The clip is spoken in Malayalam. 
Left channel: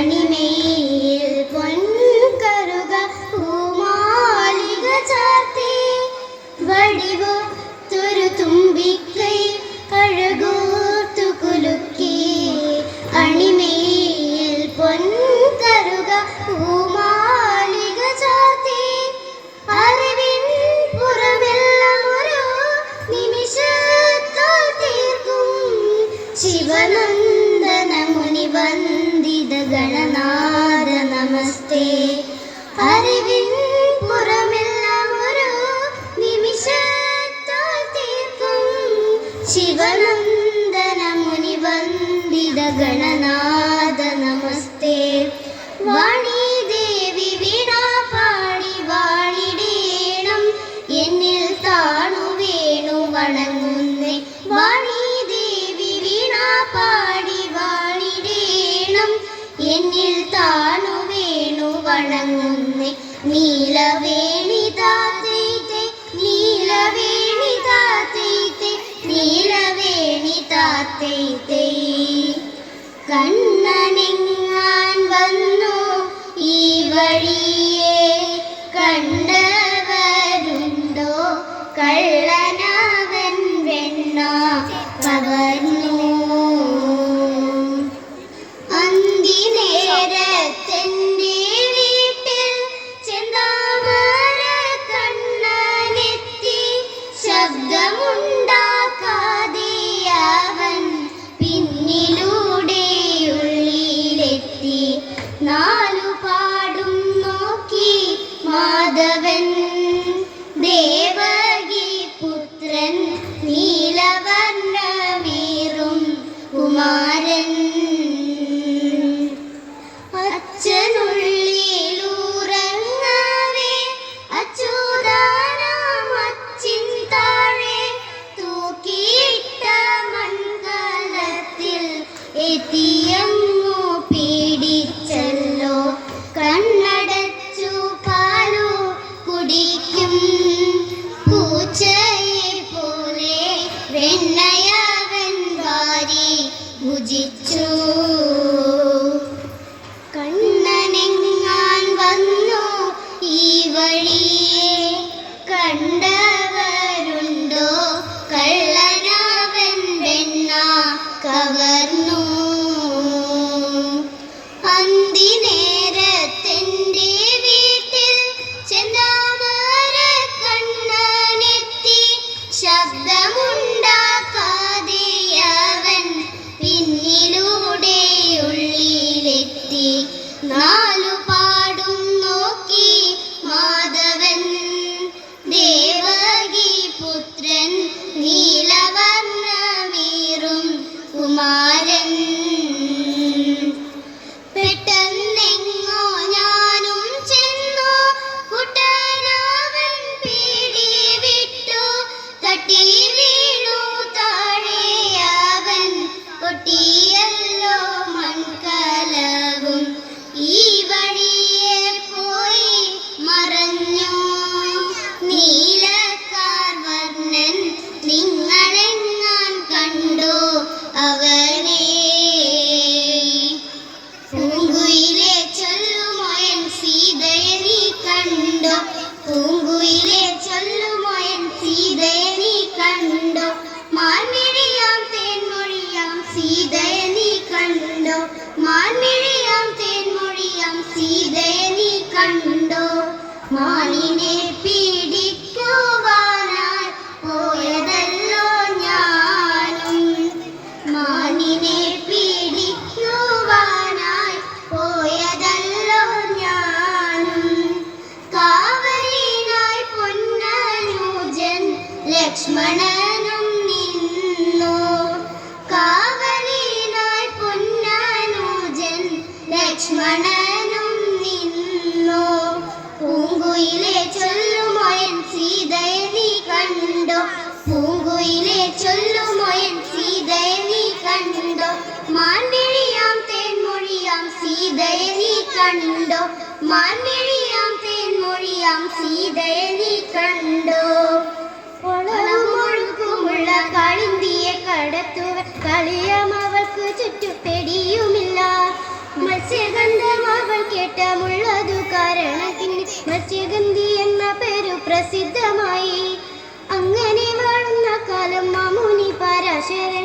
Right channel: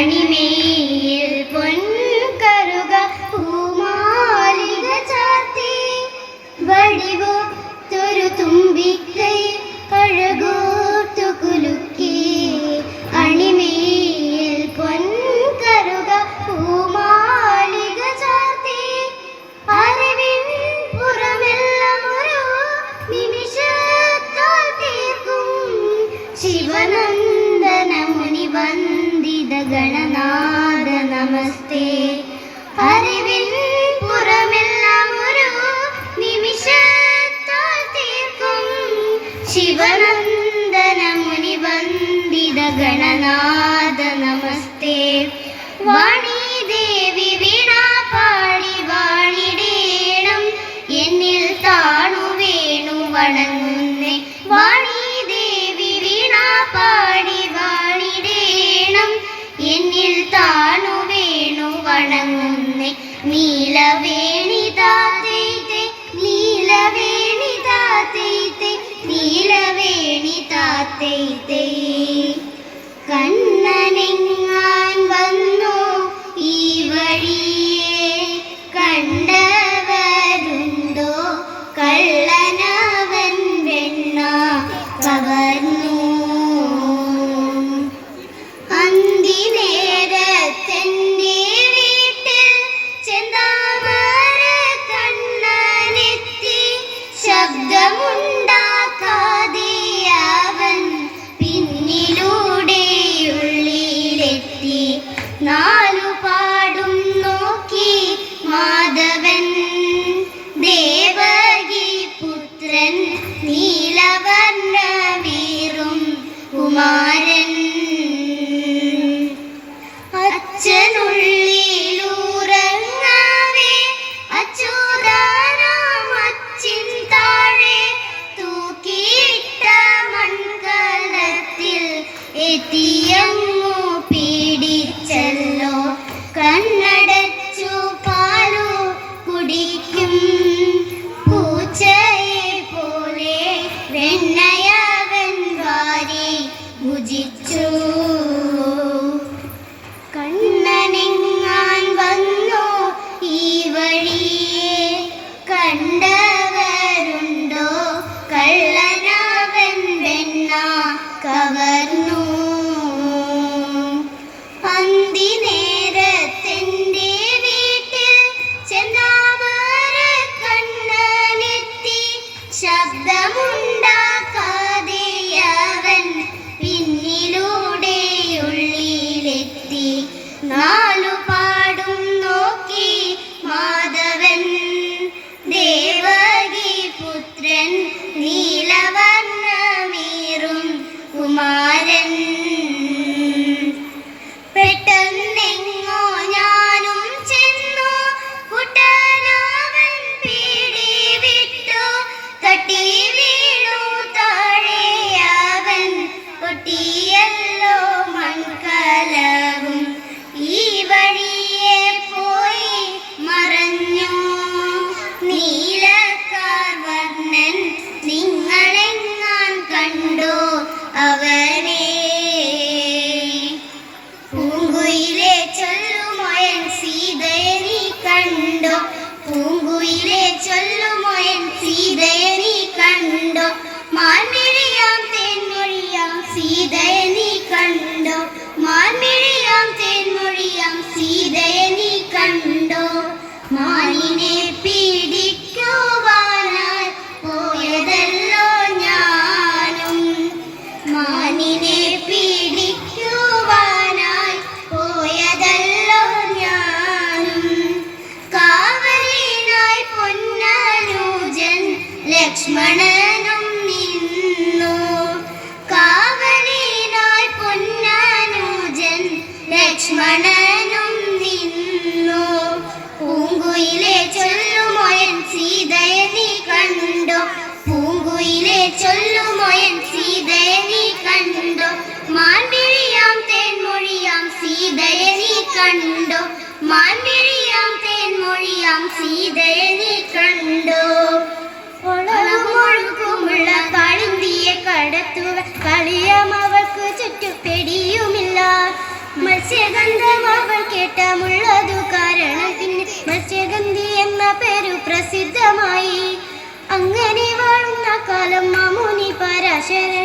കണിമേൽ പൊൻകറുക പൂമാലിക ചാർത്തി. വടിവോ തൊരു തുമ്പിക്കൈ അഴകൂർത്തു കുലുക്കി. അണിമേൽ പൊൻകറുക പൂമാലിക ചാർത്തി. അറിവിൻ പുറമെല്ലാം ഒരു നിമിഷത്താൽ തീർക്കും വന്ദിത ഗണനാഥ നമസ്തേ. അറിവിൻ പുറമെല്ലാം ഒരു നിമിഷത്താൽ തീർക്കും. ശിവനന്ദന മുനി വന്ദിത ഗണനാഥ നമസ്തേ. വാണി ദേവി വീണ പാടി വാണിടേണം. എന്നിൽ താണു വേണു വണങ്ങുന്നേ நீலவே ಕಟ್ಟಿಲ സീതയെ നീ കണ്ടോ? മാൻമിഴിയാം തേൻമൊഴിയാം സീതയെ നീ കണ്ടോ? മാനിനെ പീഡിക്കുവാനായി പോയതല്ലോ ഞാനും. മാനിനെ പീഡിക്കുവാനായി പോയതല്ലോ ഞാനും. കാവലിനായി പൊന്നനുജൻ ലക്ഷ്മണനും ഞാനും നിന്നു. പൂങ്കുയിലെ ചൊല്ലുമോയൻ സീതയെ കണ്ടോ. പൂങ്കുയിലെ ചൊല്ലുമോയൻ സീതയെ കണ്ടോ. മാൻപിഴിയാം തേൻമൊഴിയാം സീതയെ കണ്ടോ. മാൻപിഴിയാം തേൻമൊഴിയാം സീതയെ കണ്ടോ. ഒളകുമൊഴുക്കുമുള്ള കളിന്തിയെ കടത്തുവ കളിയം അവൾക്ക് ചുറ്റും സ്വന്തമായി അങ്ങനെ വാഴുന്ന കാലം മാമുനി പരാശരൻ